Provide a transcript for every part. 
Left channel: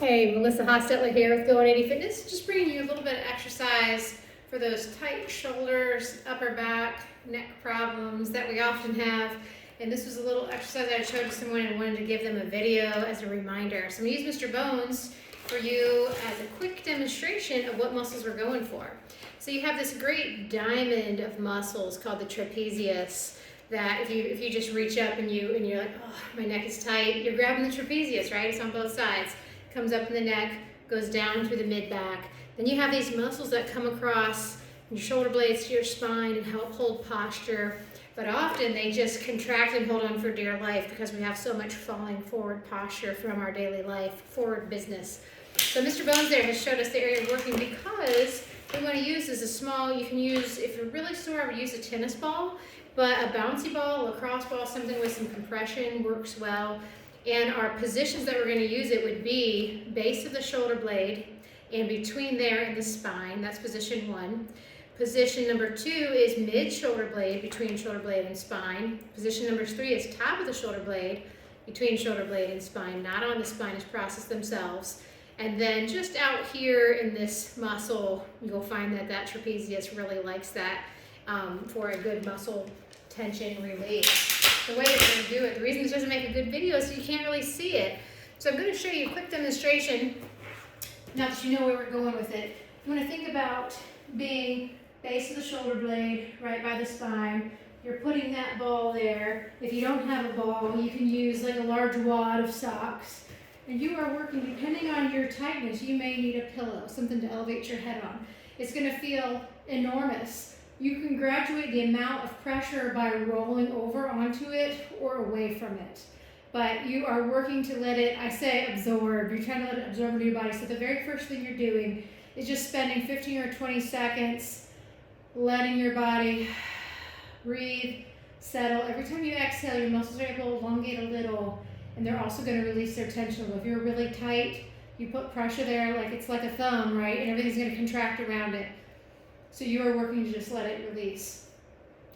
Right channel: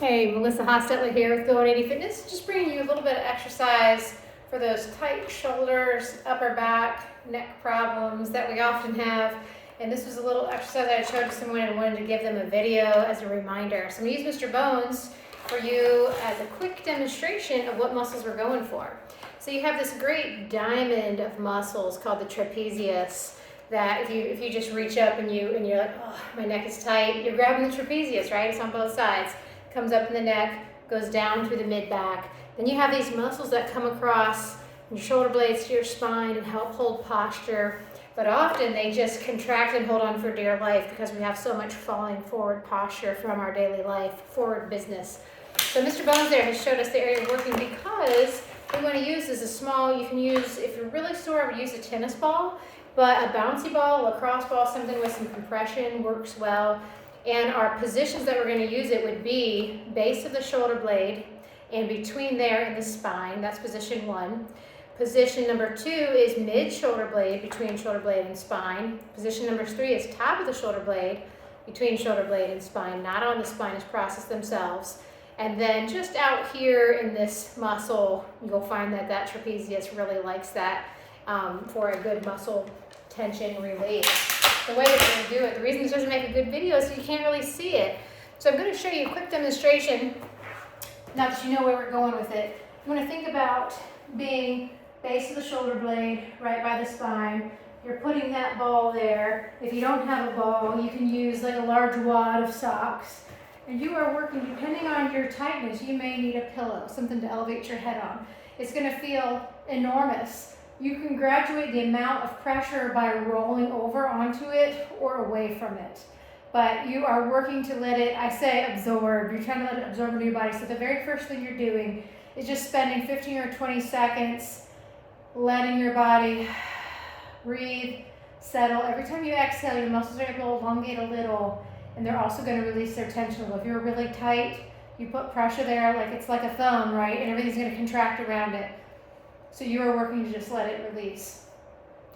Hey, Melissa Hostetler here with GO-180 Fitness. Just bringing you a little bit of exercise for those tight shoulders, upper back, neck problems that we often have. And this was a little exercise I showed to someone and wanted to give them a video as a reminder. So I'm going to use Mr. Bones for you as a quick demonstration of what muscles we're going for. So you have this great diamond of muscles called the trapezius that if you just reach up and you're like, oh, my neck is tight, you're grabbing the trapezius, right? It's on both sides. Comes up in the neck, goes down through the mid-back. Then you have these muscles that come across from your shoulder blades to your spine and help hold posture. But often they just contract and hold on for dear life because we have so much falling forward posture from our daily life, forward business. So Mr. Bones there has showed us the area of working because we want to use is a small, you can use, if you're really sore, I would use a tennis ball, but a bouncy ball, lacrosse ball, something with some compression works well. And our positions that we're going to use it would be base of the shoulder blade and between there and the spine. That's position 1. Position number 2 is mid shoulder blade, between shoulder blade and spine. Position number 3 is top of the shoulder blade, between shoulder blade and spine, not on the spinous process themselves. And then just out here in this muscle, you'll find that that trapezius really likes that for a good muscle tension release. The way that we're going to do it, the reason this doesn't make a good video is so you can't really see it. So I'm going to show you a quick demonstration, now that you know where we're going with it. You want to think about being base of the shoulder blade, right by the spine. You're putting that ball there. If you don't have a ball, you can use like a large wad of socks. And you are working, depending on your tightness, you may need a pillow, something to elevate your head on. It's going to feel enormous. You can graduate the amount of pressure by rolling over onto it or away from it. But you are working to let it, I say absorb, you're trying to let it absorb into your body. So the very first thing you're doing is just spending 15 or 20 seconds letting your body breathe, settle. Every time you exhale, your muscles are going to elongate a little, and they're also going to release their tension. If you're really tight, you put pressure there like it's like a thumb, right? And everything's going to contract around it. So you are working to just let it release.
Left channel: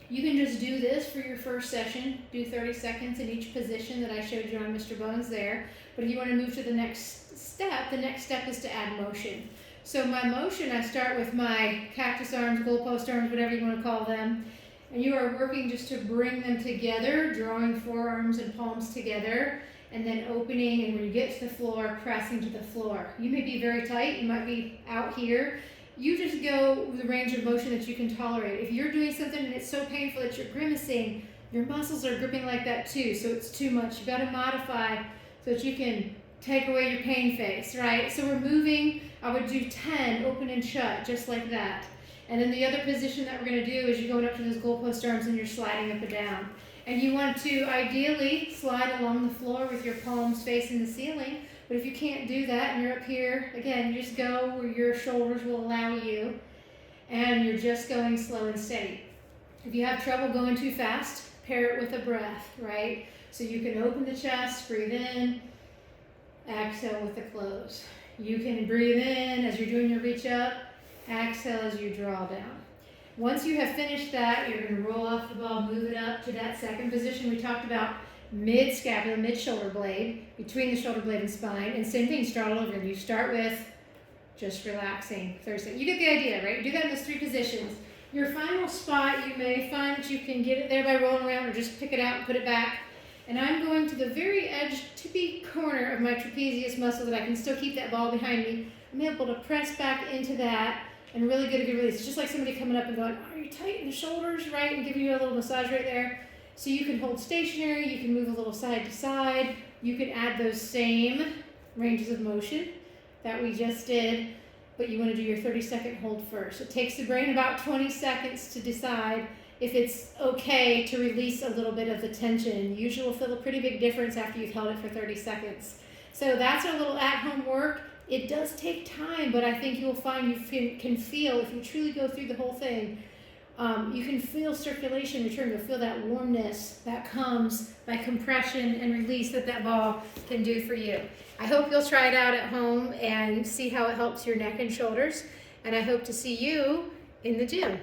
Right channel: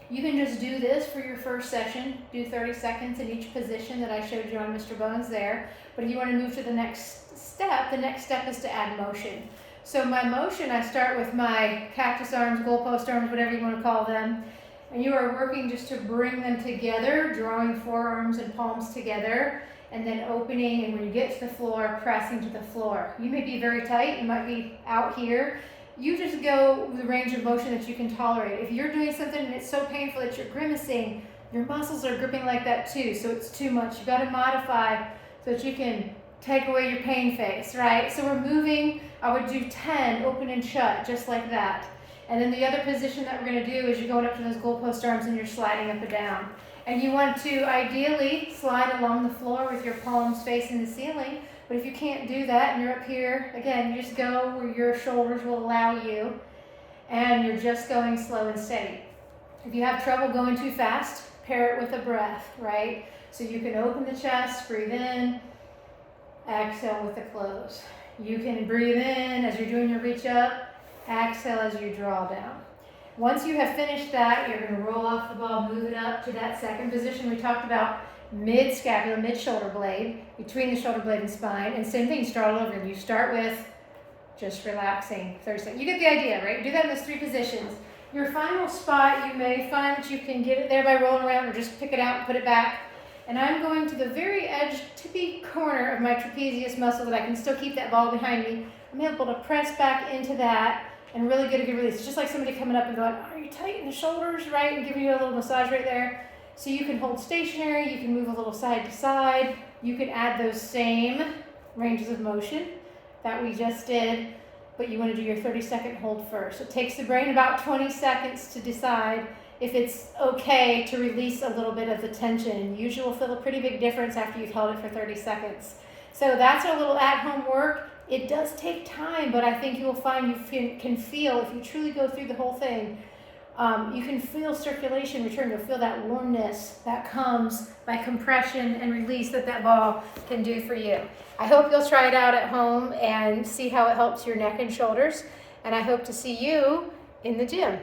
You can just do this for your first session, do 30 seconds in each position that I showed you on Mr. Bones there. But if you want to move to the next step is to add motion. So my motion, I start with my cactus arms, goalpost arms, whatever you want to call them. And you are working just to bring them together, drawing forearms and palms together, and then opening, and when you get to the floor, pressing to the floor. You may be very tight, you might be out here. You just go with the range of motion that you can tolerate. If you're doing something and it's so painful that you're grimacing, your muscles are gripping like that too, so it's too much. You gotta modify so that you can take away your pain face, right? So we're moving, I would do 10, open and shut, just like that. And then the other position that we're gonna do is you're going up to those goalpost arms and you're sliding up and down. And you want to ideally slide along the floor with your palms facing the ceiling. But if you can't do that and you're up here, again, you just go where your shoulders will allow you, and you're just going slow and steady. If you have trouble going too fast, pair it with a breath, right? So you can open the chest, breathe in, exhale with the close. You can breathe in as you're doing your reach up, exhale as you draw down. Once you have finished that, you're going to roll off the ball, move it up to that second position we talked about, mid-scapula, mid-shoulder blade, between the shoulder blade and spine. And same thing, start all over. You start with just relaxing 30 seconds. You get the idea, right? Do that in those 3 positions. Your final spot, you may find that you can get it there by rolling around or just pick it out and put it back. And I'm going to the very edge, tippy corner of my trapezius muscle that I can still keep that ball behind me. I'm able to press back into that and really get a good release. It's just like somebody coming up and going, are you tight in the shoulders, right? And giving you a little massage right there. So you can hold stationary, you can move a little side to side, you can add those same ranges of motion that we just did, but you want to do your 30-second hold first. It takes the brain about 20 seconds to decide if it's okay to release a little bit of the tension. Usually you'll feel a pretty big difference after you've held it for 30 seconds. So that's our little at-home work. It does take time, but I think you will find you can feel, if you truly go through the whole thing, you can feel circulation return. You'll feel that warmness that comes by compression and release that ball can do for you. I hope you'll try it out at home and see how it helps your neck and shoulders. And I hope to see you in the gym.